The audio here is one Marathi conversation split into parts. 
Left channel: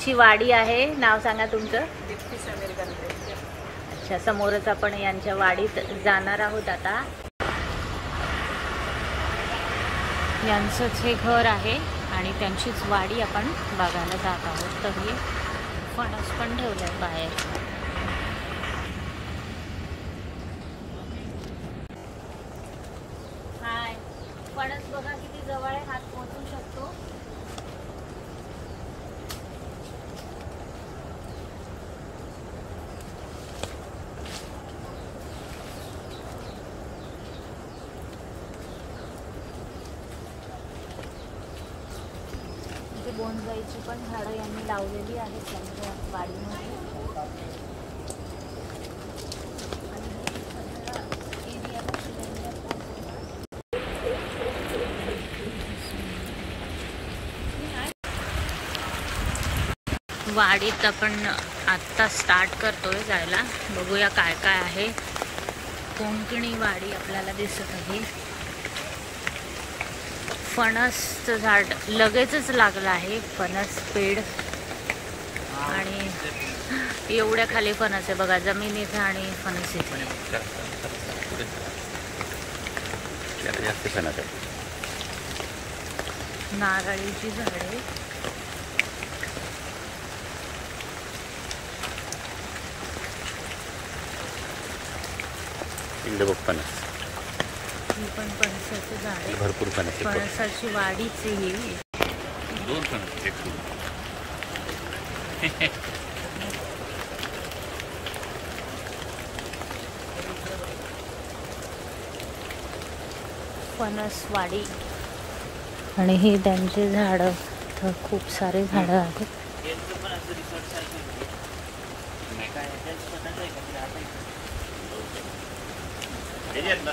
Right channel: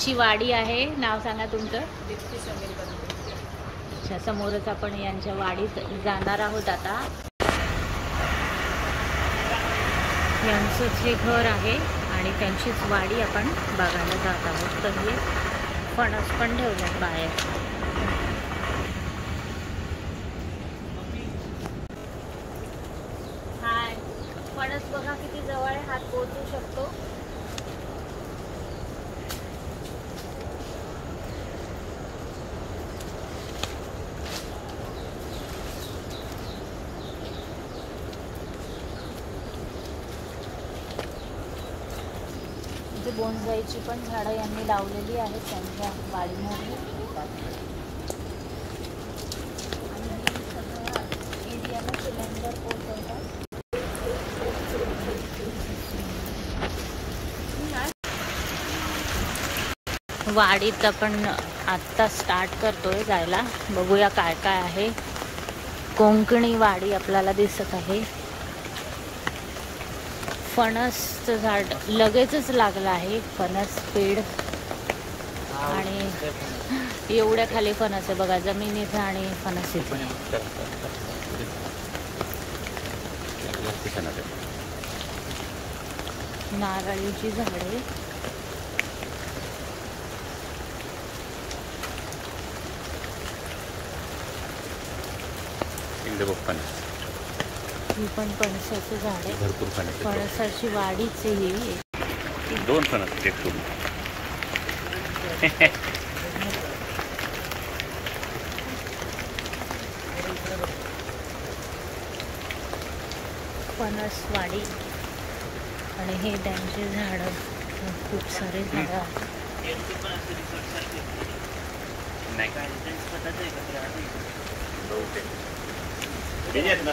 यांची वाडी आहे. नाव सांगा तुमचं? दीप्ती समीर गंधे. अच्छा, समोरच आपण यांच्या वाडीत जाणार आहोत आता. यांचंच हे घर आहे आणि त्यांचीच वाडी आपण बघायला जात आहोत. तर हे फणस पण ठेवलाय बाहेर. हाय, फणस बघा किती जवळ आहे, हात पोहोचू शकतो. बोंजाईची पण झाडं यांनी लावलेली आहेत त्यांच्या वाडीमध्ये. आणि हे सगळ्या एरियाला सिलेंडर पोहोचवतात. वाडीत आपण आत्ता स्टार्ट करतोय जायला. बघूया काय काय आहे. कोंकणी वाडी आपल्याला दिसत आहे. फणसचं झाड लगेचच लागलं आहे. फणस पेड आणि एवढ्या खाली फणस आहे बघा, जमिनीचं आणि फणस इथे. नारळीची झाडे. ही पण फणसाचं झाड आहे. भरपूर फणस. फणसाची वाडीच ही. 2 फणस एक फणसवाडी. आणि ही त्यांची झाडं, खूप सारे झाडं आहेत.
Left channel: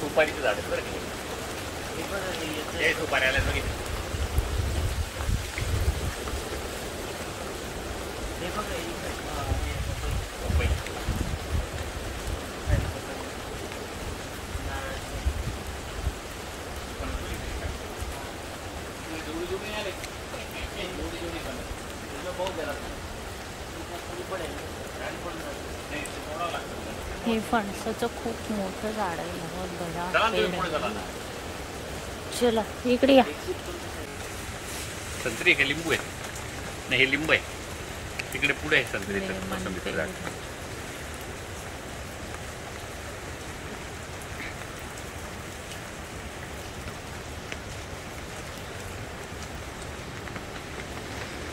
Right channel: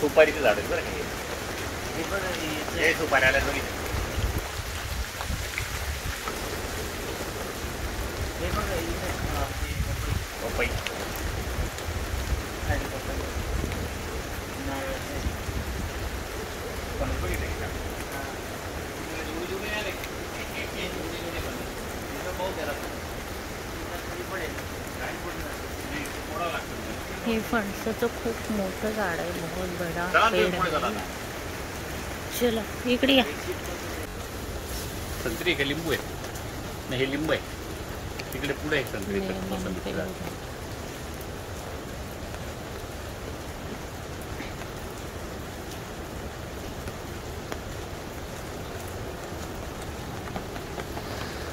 सुपारीचं झाड आहे बरं. हे सुपारी आल्यात बघितलं. पपई. हे फणसाचं खूप मोठं झाड आहे. बहुत बड़ा पेड़ आहे. चला इकडे या. संत्री का लिंबू आहे? नाही, हे लिंबू आहे. तिकडे पुढे आहे संत्रीचं मोसंबीचं झाड.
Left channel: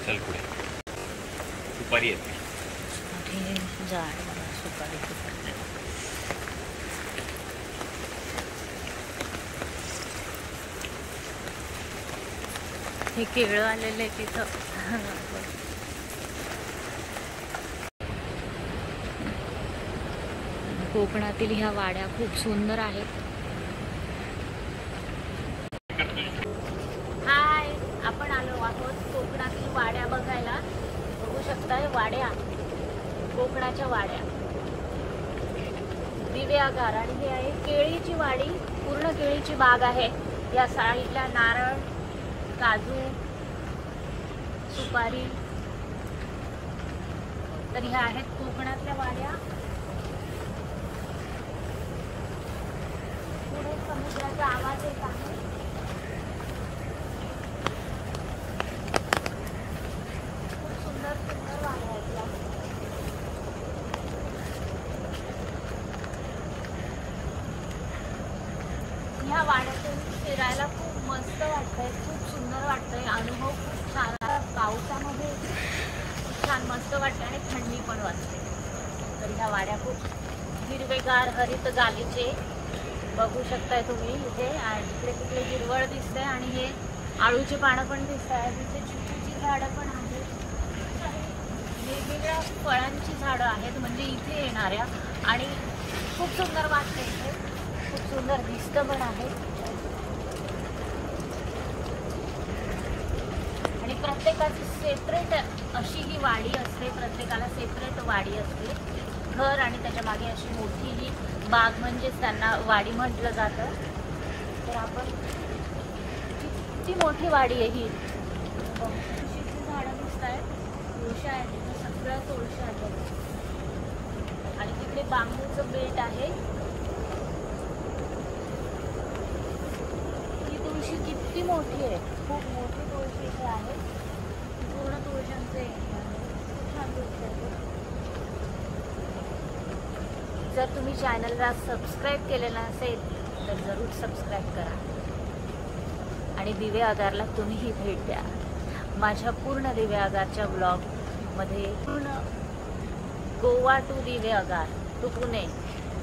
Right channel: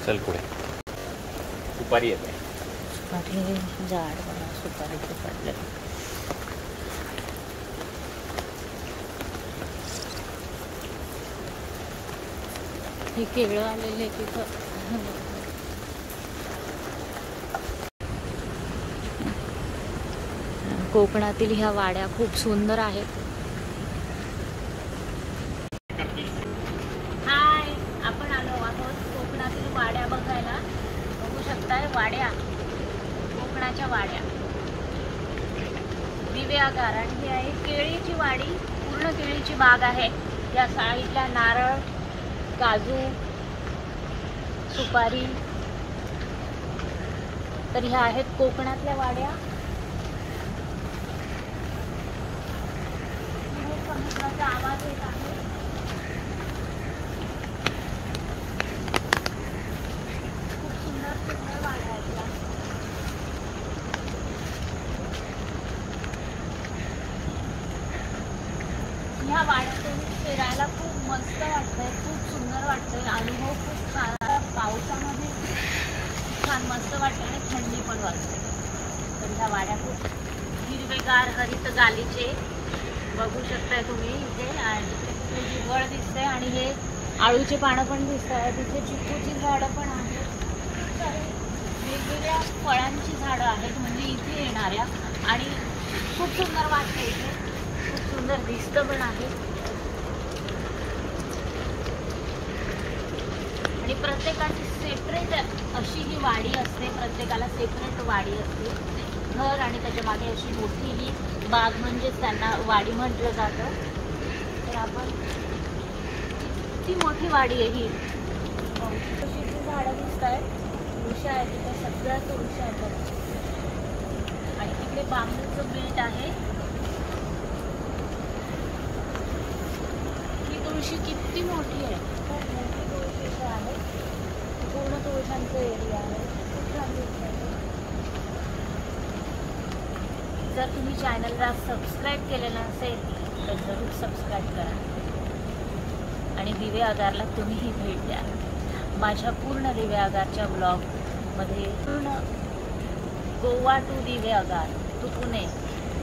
चल पुढे. सुपारी आहे. झाड बघा, सुपारीचं पडलं. हे केळं आलेले तिथं. कोकणातील ह्या वाड्या खूप सुंदर आहेत. हाय, आपण आलो आहोत कोकणातील वाड्या बघायला. बघू शकताय वाड्या, कोकणाच्या वाड्या, दिवे आगार. आणि ही आहे केळीची वाडी. पूर्ण केळीची बाग आहे. या साईडला नारळ, काजू, सुपारी. तर ह्या आहेत कोकणातल्या वाड्या. पुढे समुद्राचा आवाज येत आहे. खूप सुंदर सुंदर वाड्या आहेत. ह्या वाड्यातून फिरायला खूप मस्त वाटतंय, खूप सुंदर वाटतंय. अनुभव खूप छान. पावसामध्ये छान मस्त वाटतं आणि थंडी पण वाजते. तर ह्या वाड्या खूप हिरवेगार हरित गालीचे बघू शकताय तुम्ही. इथे जिकडे तिकडे हिरवळ दिसतंय आणि हे आळूची पानं पण दिसत आहेत. तिथे चिकूची झाडं पण आहेत. वेगवेगळ्या फळांची झाडं आहेत म्हणजे इथे येणाऱ्या. आणि खूप सुंदर वाटतं इथे. खूप सुंदर दिसतं पण आहे. आणि प्रत्येकाची सेपरेट अशी ही वाडी असते. प्रत्येकाला सेपरेट वाडी असते. घर आणि त्याच्या मागे अशी मोठी ही बाग म्हणजेच त्यांना वाडी म्हटलं जातं. तर आपण किती मोठी वाडी आहे ही. तुळशीची झाडं दिसत आहेत. उषा आहे सगळ्या तुळशी आहेत बघा. आणि तिकडे बांबूचं बेट आहे. ही तुळशी किती मोठी आहे, खूप मोठी तुळशी इथे आहे. पूर्ण तुळशांचं एरिया आहे, खूप छान दिसतंय. जर तुम्ही चॅनलला सबस्क्राईब केलेलं नसेल तर जरूर सबस्क्राईब करा आणि दिवे आगारला तुम्हीही भेट द्या. माझ्या पूर्ण दिवे आगारच्या ब्लॉगमध्ये पूर्ण गोवा टू दिवे आगार टू पुणे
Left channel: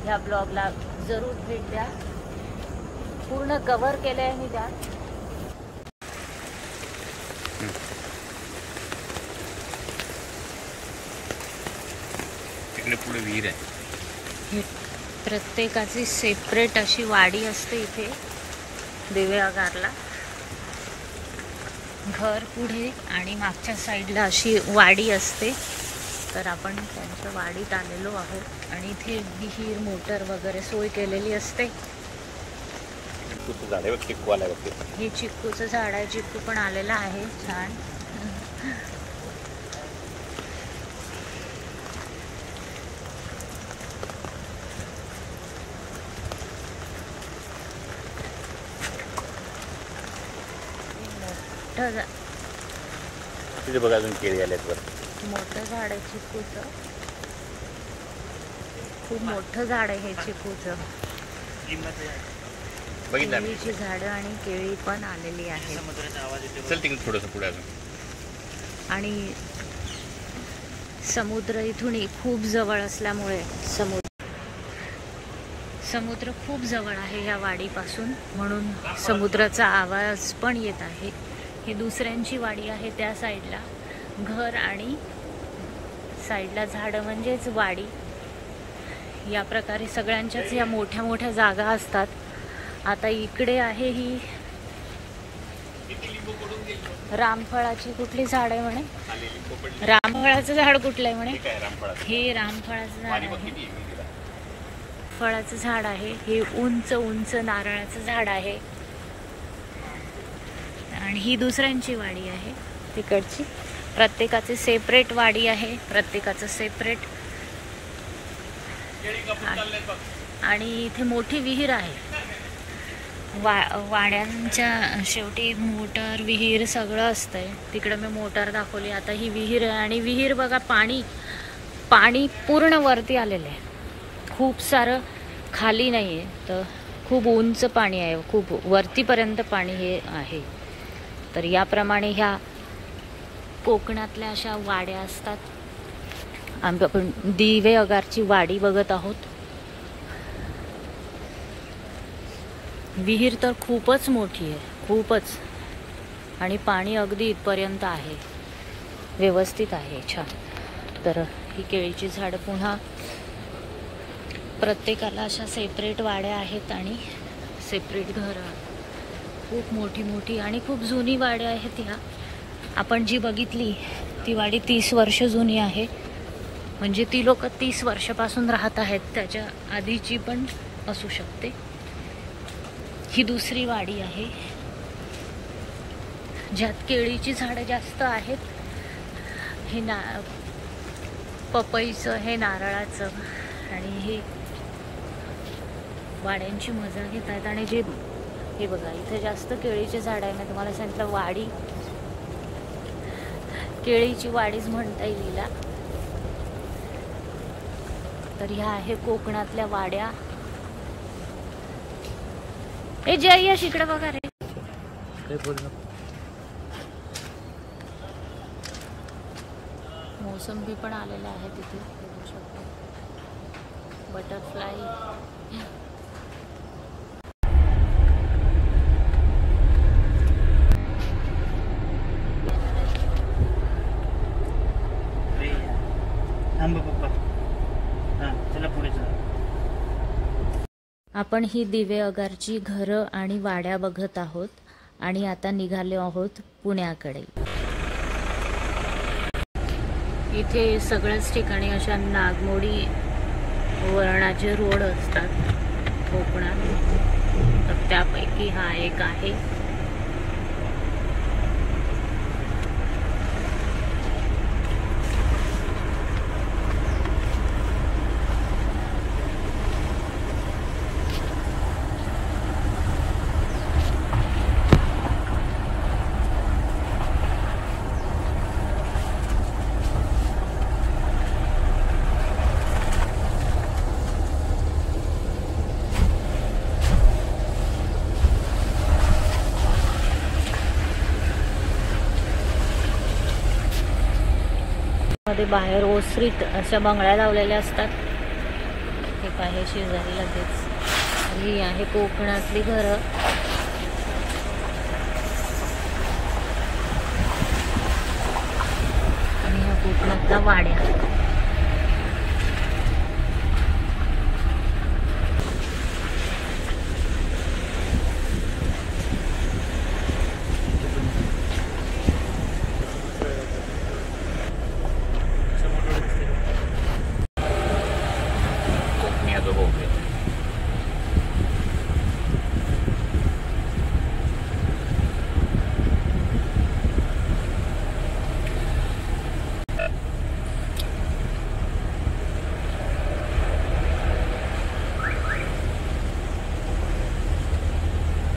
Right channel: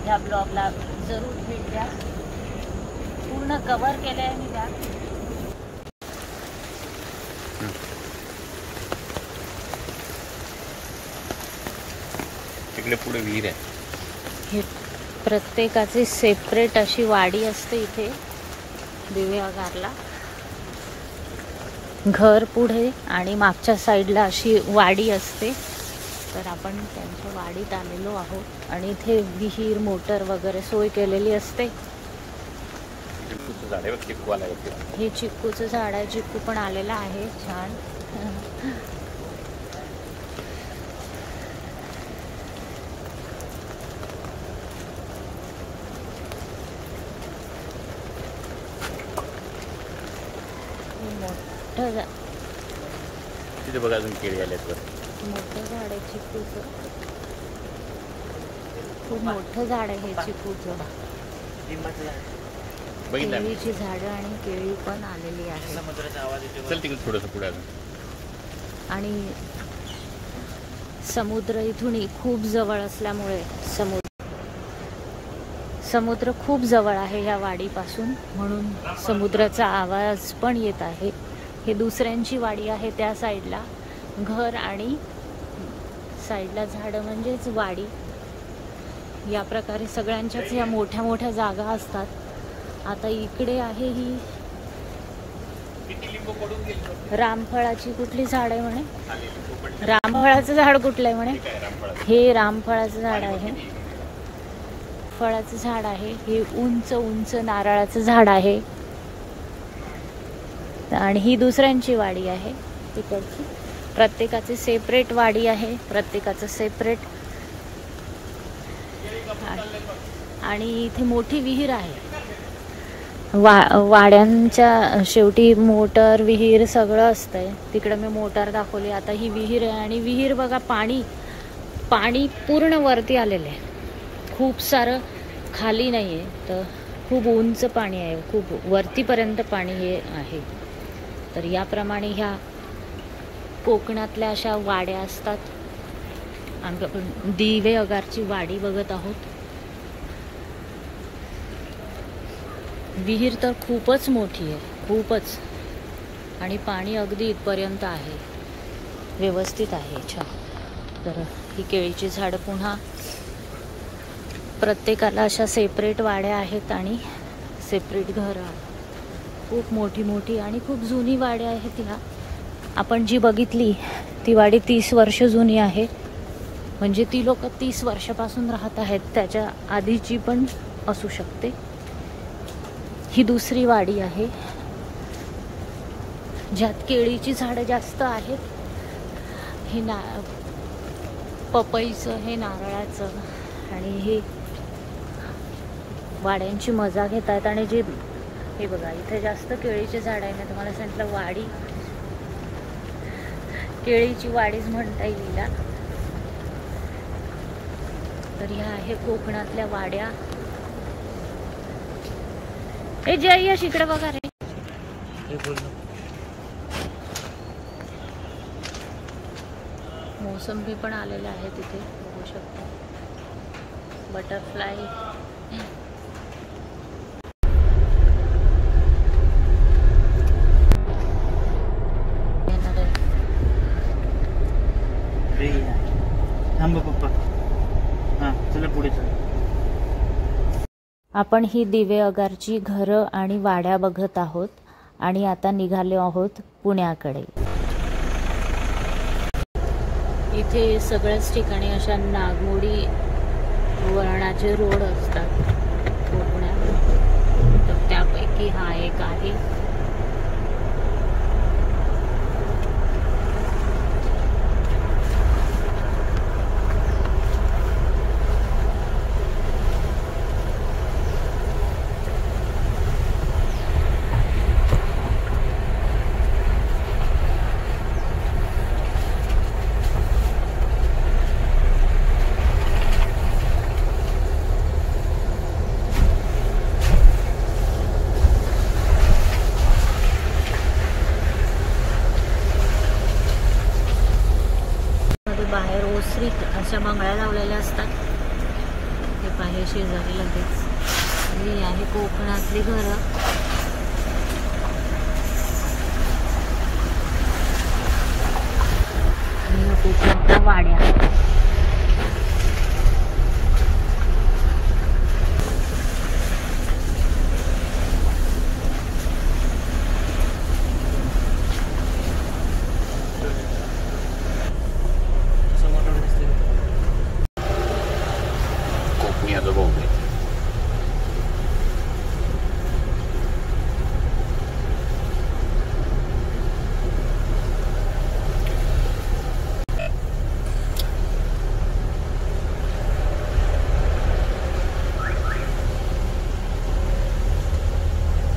ह्या ब्लॉगला जरूर भेट द्या. पूर्ण कव्हर केलं आहे मी त्या. तिकडे पुढे विहीर आहे. हे प्रत्येकाची सेपरेट अशी वाडी असते इथे दिवे आगारला. घर पुढे आणि मागच्या साईडला अशी वाडी असते. तर आपण त्यांच्या वाडीत आलेलो आहोत आणि इथे विहीर मोटर वगैरे सोय केलेली असते. हे चिक्कूचं झाड आहे, चिक्कू पण आलेला आहे छान. तिथे बघा अजून केळी आले. मोठं झाड आहे चिक्कूचं, खूप मोठं झाड आहे हे चिक्कूचं. केळीची झाडं आणि केळी पण आलेली आहे. चल तिकडे थोडंसं पुढे अजून. आणि समुद्र इथून खूप जवळ असल्यामुळे समुद्र खूप जवळ आहे ह्या वाडीपासून, म्हणून समुद्राचा आवाज पण येत आहे. हे दुसऱ्यांची वाडी आहे त्या साईडला, घर आणि साईडला झाडं म्हणजेच वाडी. या प्रकारे सगळ्यांच्याच या मोठ्या मोठ्या जागा असतात. आता इकडे आहे ही रामफळाची कुठली झाड आहे म्हणे, रामफळाचं झाड कुठलं आहे म्हणे, हे रामफळाचं झाड आहे, फळाचं झाड आहे. हे उंच उंच नारळाचं झाड आहे. आणि ही दुसऱ्यांची वाडी आहे तिकडची. प्रत्येकाची सेपरेट वाडी आहे, प्रत्येकाचं सेपरेट. आणि इथे मोठी विहीर आहे. वाड्यांच्या शेवटी मोटर विहीर सगळं असतंय. तिकडे मी मोटर दाखवली, आता ही विहीर आहे. आणि विहीर बघा, पाणी पूर्ण वरती आलेलं आहे, खूप सारं खाली नाहीये. तर खूप उंच पाणी आहे, खूप वरतीपर्यंत पाणी हे आहे. तर याप्रमाणे ह्या कोकणातल्या अशा वाड्या असतात. आपण दिवे आगारची वाडी बघत आहोत. विहीर तर खूपच मोठी आहे, खूपच. आणि पाणी अगदी इथपर्यंत आहे, व्यवस्थित आहे, छान. तर ही केळीची झाडं पुन्हा प्रत्येकाला अशा सेपरेट वाड्या आहेत आणि सेपरेट घरं. खूप मोठी मोठी आणि खूप जुनी वाड्या आहेत ह्या. आपण जी बघितली ती वाडी 30 वर्ष जुनी आहे. म्हणजे ती लोक 30 वर्षापासून राहत आहेत, त्याच्या आधीची पण असू शकते. ही दुसरी वाडी आहे ज्यात केळीची झाडं जास्त आहेत. हे पपईचं, हे नारळाचं. आणि हे वाड्यांची मजा घेत आहेत. आणि जे हे बघा, इथे जास्त केळीचे झाड आहे. मी तुम्हाला सांगितलं वाडी, केळीची वाडीच म्हणता येईल. तर ह्या आहे कोकणातल्या वाड्या. हे जयश इकडे बघा रे. मोसंबी पण आलेल्या आहे तिथे, बघू शकता. बटरफ्लाय. आपण ही दिवे आगारची घरं आणि वाड्या बघत आहोत आणि आता निघालो आहोत पुण्याकडे. इथे सगळ्याच ठिकाणी अशा नागमोडी वळणाचे रोड असतात कोकणात. तर त्यापैकी हा एक आहे. कोकणामध्ये बाहेर ओसरीत अशा बंगल्या लावलेल्या असतात. हे पाहे शेजारी लगेच. ही आहे कोकणातली घरं. आणि ह्या कोकणातल्या वाड्या.